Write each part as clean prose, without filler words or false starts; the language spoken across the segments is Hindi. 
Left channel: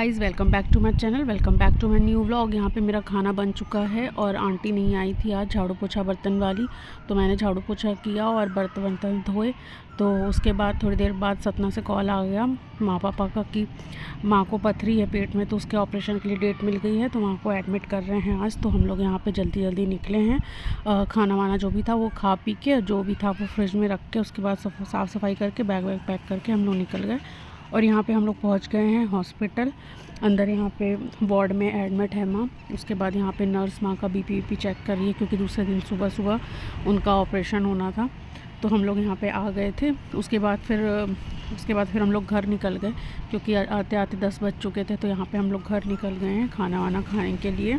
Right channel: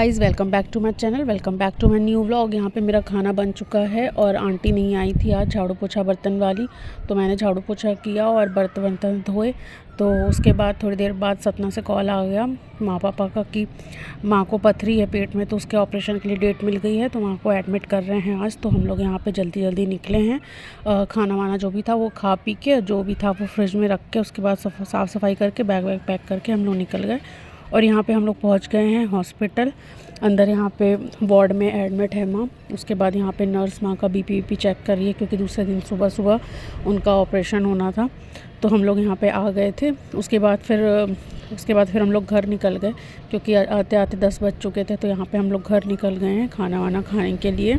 Guys, welcome back to my channel, welcome back to my new vlog. यहाँ पे मेरा खाना बन चुका है और आंटी नहीं आई थी आज झाड़ू पोछा बर्तन वाली, तो मैंने झाड़ू पोछा किया और बर्तन धोए। तो उसके बाद थोड़ी देर बाद सतना से कॉल आ गया माँ पापा का कि माँ को पथरी है पेट में, तो उसके ऑपरेशन के लिए डेट मिल गई है, तो माँ को एडमिट कर रहे हैं आज। तो हम लोग यहाँ पे जल्दी जल्दी निकले हैं। खाना वाना जो भी था वो खा पी के, जो भी था वो फ्रिज में रख के, उसके बाद साफ़ सफाई करके बैग वैग पैक करके हम लोग निकल गए। और यहाँ पे हम लोग पहुँच गए हैं हॉस्पिटल अंदर। यहाँ पे वार्ड में एडमिट है माँ। उसके बाद यहाँ पे नर्स माँ का बीपी चेक कर रही है, क्योंकि दूसरे दिन सुबह सुबह उनका ऑपरेशन होना था। तो हम लोग यहाँ पे आ गए थे। उसके बाद फिर हम लोग घर निकल गए, क्योंकि आते आते 10 बज चुके थे। तो यहाँ पे हम लोग घर निकल गए हैं खाना वाना खाने के लिए।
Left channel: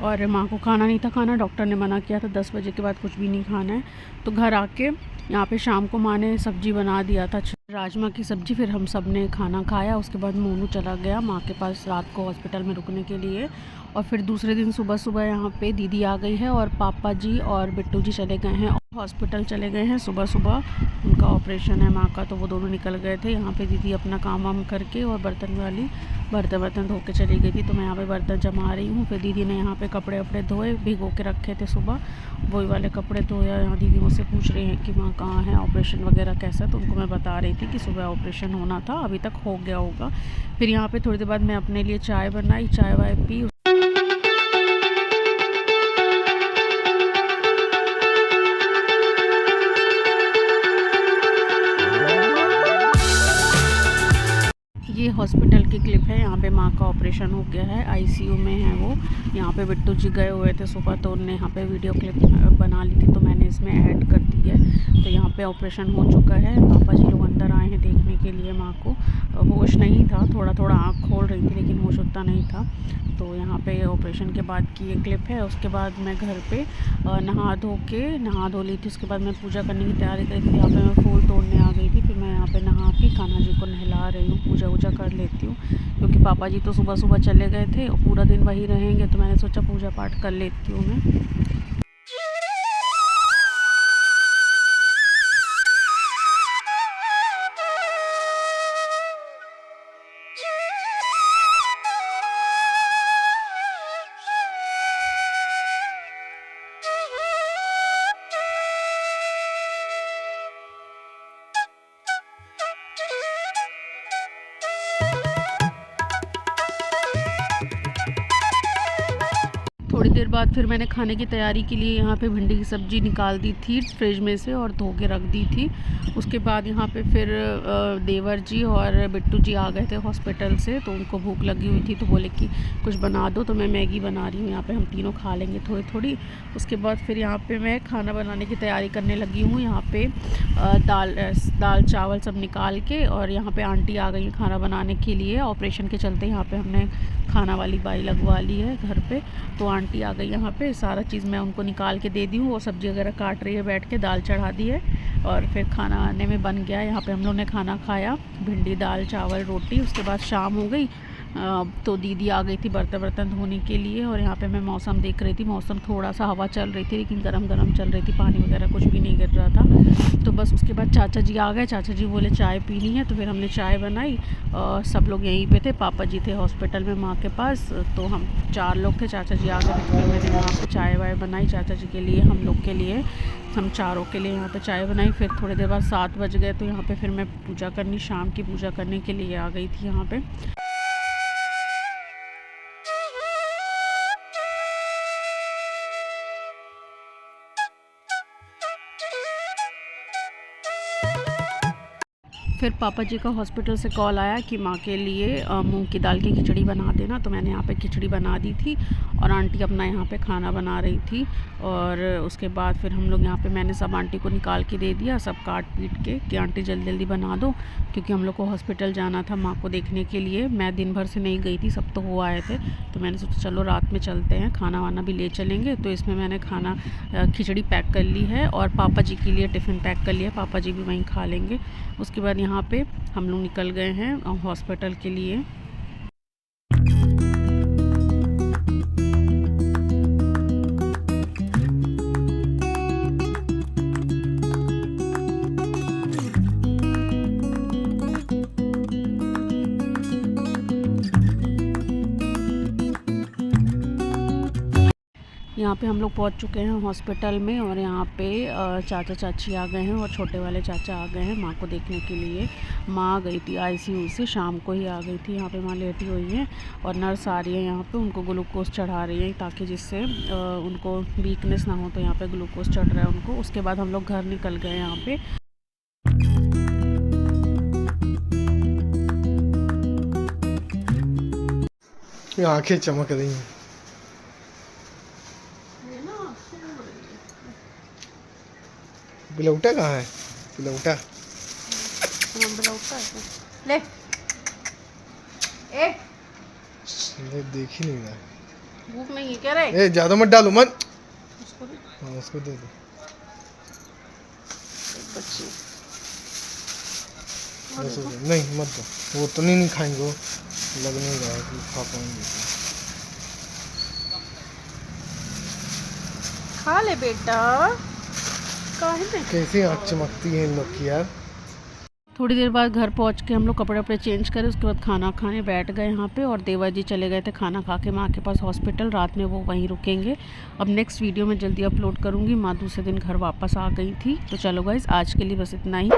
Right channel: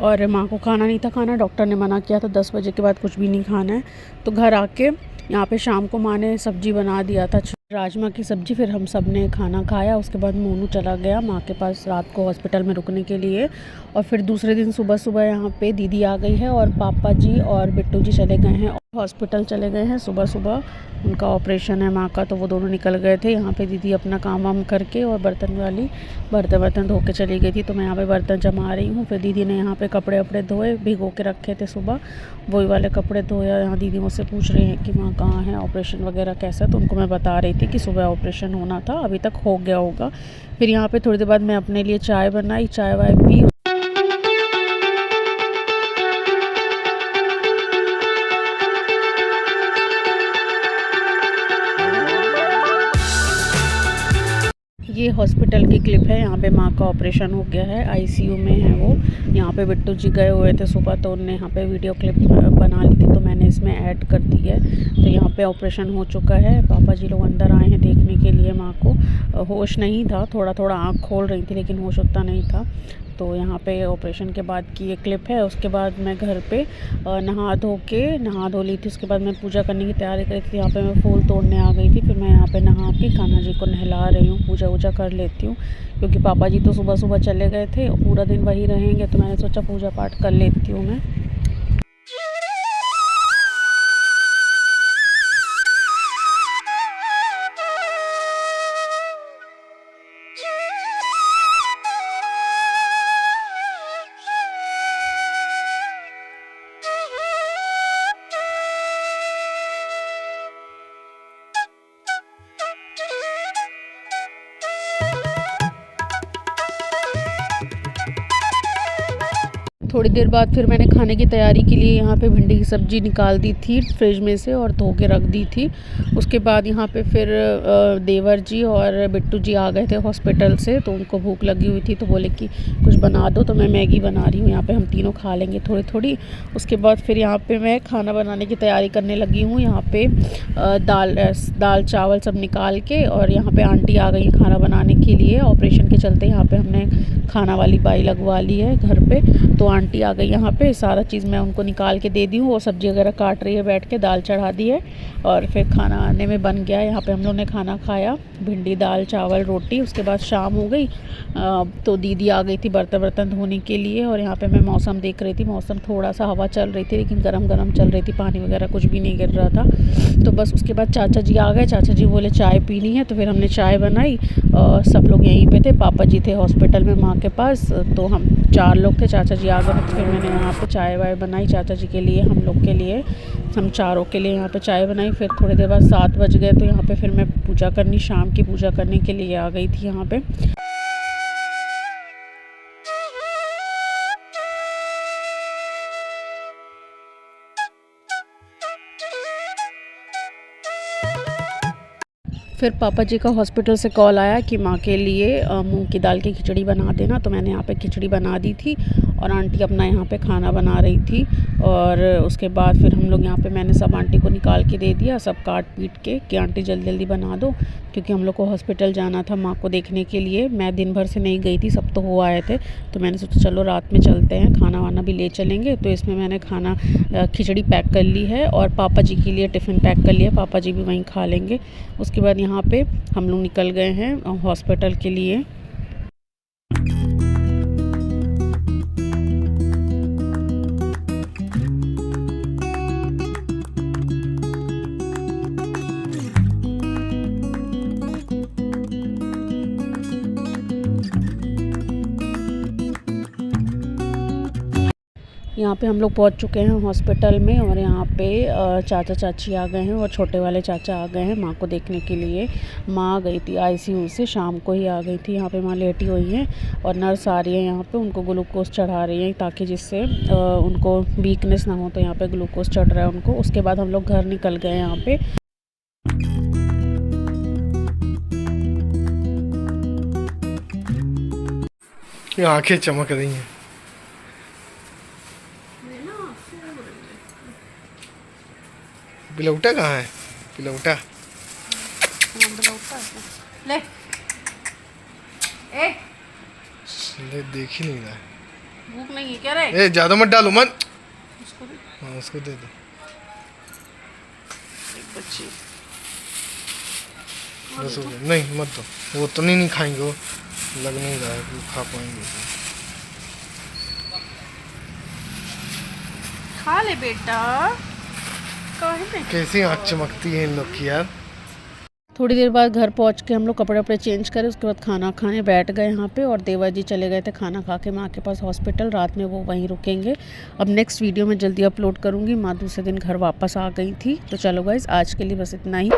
और माँ को खाना नहीं था खाना, डॉक्टर ने मना किया था 10 बजे के बाद कुछ भी नहीं खाना है। तो घर आके यहाँ पे शाम को माँ ने सब्ज़ी बना दिया था, राजमा की सब्ज़ी। फिर हम सब ने खाना खाया। उसके बाद मोनू चला गया माँ के पास रात को हॉस्पिटल में रुकने के लिए। और फिर दूसरे दिन सुबह सुबह यहाँ पे दीदी आ गई है और पापा जी और बिट्टू जी चले गए हैं हॉस्पिटल, चले गए हैं सुबह सुबह। उनका ऑपरेशन है माँ का, तो वो दोनों निकल गए थे। यहाँ पे दीदी अपना काम वाम करके और बर्तन वाली बर्तन धो के चली गई थी। तो मैं यहाँ पे बर्तन जमा रही हूँ। फिर दीदी ने यहाँ पे कपड़े वपड़े धोए, भिगो के रखे थे सुबह, वही वाले कपड़े धोया। यहाँ दीदी मुझसे पूछ रही हैं कि माँ कहाँ है, ऑपरेशन वगैरह कैसा है। तो उनको मैं बता रही थी कि सुबह ऑपरेशन होना था, अभी तक हो गया होगा। फिर यहाँ पे थोड़ी देर बाद मैं अपने लिए चाय बनाई, चाय वाय पी। ये हॉस्पिटल की क्लिप है। यहाँ पे माँ का ऑपरेशन हो गया है, आईसीयू में है वो। यहाँ पे बिट्टू जी गए हुए थे सुबह, तो उनने यहाँ पे वीडियो क्लिप बना ली थी, तो मैंने इसमें ऐड कर दी है। तो यहाँ पे ऑपरेशन हो चुका है। पापा जी लोग अंदर आए हैं देखने के लिए माँ को। होश नहीं था, थोड़ा थोड़ा आँख खोल रही थी, लेकिन होश उतना नहीं था। तो यहाँ पे ऑपरेशन के बाद की ये क्लिप है। उसके बाद मैं घर पे नहा धो ली थी। उसके बाद मैं पूजा करने की तैयारी करी थी। यहाँ पे मैं फूल तोड़ने आ गई थी। फिर मैं यहाँ पे नहा के कान्हा जी को नहला रही हूँ, पूजा वूजा कर लेती हूँ, क्योंकि पापा जी तो सुबह सुबह चले गए थे, पूरा दिन वहीं रहेंगे। तो मैंने सोचा पूजा पाठ कर लेती हूँ मैं। थोड़ी देर बाद फिर मैंने खाने की तैयारी के लिए यहाँ पे भिंडी की सब्ज़ी निकाल दी थी फ्रिज में से और धो के रख दी थी। उसके बाद यहाँ पे फिर देवर जी और बिट्टू जी आ गए थे हॉस्पिटल से, तो उनको भूख लगी हुई थी, तो बोले कि कुछ बना दो। तो मैं मैगी बना रही हूँ, यहाँ पे हम तीनों खा लेंगे थोड़ी थोड़ी। उसके बाद फिर यहाँ पे मैं खाना बनाने की तैयारी करने लगी हूँ। यहाँ पे दाल चावल सब निकाल के, और यहाँ पे आंटी आ गई खाना बनाने के लिए। ऑपरेशन के चलते यहाँ पे हमने खाना वाली बाई लगवा ली है घर पे। तो आंटी आ गई यहाँ पे, सारा चीज़ मैं उनको निकाल के दे दी हूँ। वो सब्ज़ी वगैरह काट रही है बैठ के, दाल चढ़ा दी है और फिर खाना आने में बन गया। यहाँ पे हम लोग ने खाना खाया, भिंडी दाल चावल रोटी। उसके बाद शाम हो गई, तो दीदी आ गई थी बर्तन धोने के लिए। और यहाँ पे मैं मौसम देख रही थी, मौसम थोड़ा सा हवा चल रही थी, लेकिन गरम गरम चल रही थी, पानी वगैरह कुछ भी नहीं गिर रहा था। तो बस उसके बाद चाचा जी आ गए। चाचा जी बोले चाय पीनी है, तो फिर हमने चाय बनाई। सब लोग यहीं पे थे, पापा जी थे हॉस्पिटल में माँ के पास, तो हम 4 लोग थे। चाचा जी आ गए, फिर मैंने वहाँ पे चाय वाय बनाई चाचा जी के लिए, हम लोग के लिए, हम चारों के लिए यहाँ पे चाय बनाई। फिर थोड़ी देर बाद 7 बज गए, तो यहाँ पे फिर मैं पूजा करनी, शाम की पूजा करने के लिए आ गई थी यहाँ पे। फिर पापा जी का हॉस्पिटल से कॉल आया कि माँ के लिए मूंग की दाल की खिचड़ी बना देना। तो मैंने यहाँ पे खिचड़ी बना दी थी और आंटी अपना यहाँ पे खाना बना रही थी। और उसके बाद फिर हम लोग यहाँ पे, मैंने सब आंटी को निकाल के दे दिया, सब काट पीट के, कि आंटी जल्दी जल्दी बना दो, क्योंकि हम लोग को हॉस्पिटल जाना था माँ को देखने के लिए। मैं दिन भर से नहीं गई थी, सब तो हो आए थे, तो मैंने सोचा चलो रात में चलते हैं, खाना वाना भी ले चलेंगे। तो इसमें मैंने खाना खिचड़ी पैक कर ली है और पापा जी के लिए टिफ़िन पैक कर लिया, पापा जी भी वहीं खा लेंगे। उसके बाद यहाँ पे हम लोग निकल गए हैं हॉस्पिटल के लिए। यहाँ पे हम लोग पहुँच चुके हैं हॉस्पिटल में और यहाँ पे चाचा चाची आ गए हैं और छोटे वाले चाचा आ गए हैं माँ को देखने के लिए। माँ आ गई थी आईसीयू से, शाम को ही आ गई थी। यहाँ पे माँ लेटी हुई हैं और नर्स आ रही है यहाँ पे, उनको ग्लूकोज चढ़ा रही है ताकि जिससे उनको वीकनेस ना हो, तो यहाँ पे ग्लूकोज चढ़ रहा है उनको। उसके बाद हम लोग घर निकल गए यहाँ पे। आंखें चमक रही हैं। बिलौटा कहाँ है? बिलौटा ले ले देख ही नहीं रहा है। भूख नहीं है क्या रे? ए ज्यादा मत डालो मत। हाँ उसको दे दो। एक बच्ची बस हो गया। नहीं मत दो, वो तो नहीं खाएंगे, वो लग नहीं रहा है कि खा पाएंगे। खा ले बेटा। कैसी आँख चमकती है इन लोग की यार। थोड़ी देर बाद घर पहुंच के हम लोग कपड़े वपड़े चेंज करे, उसके बाद खाना खाने बैठ गए यहाँ पे। और देवा जी चले गए थे खाना खा के माँ के पास हॉस्पिटल, रात में वो वहीं रुकेंगे। अब नेक्स्ट वीडियो में जल्दी अपलोड करूँगी। माँ दूसरे दिन घर वापस आ गई थी। तो चलो गाइस, आज के लिए बस इतना ही।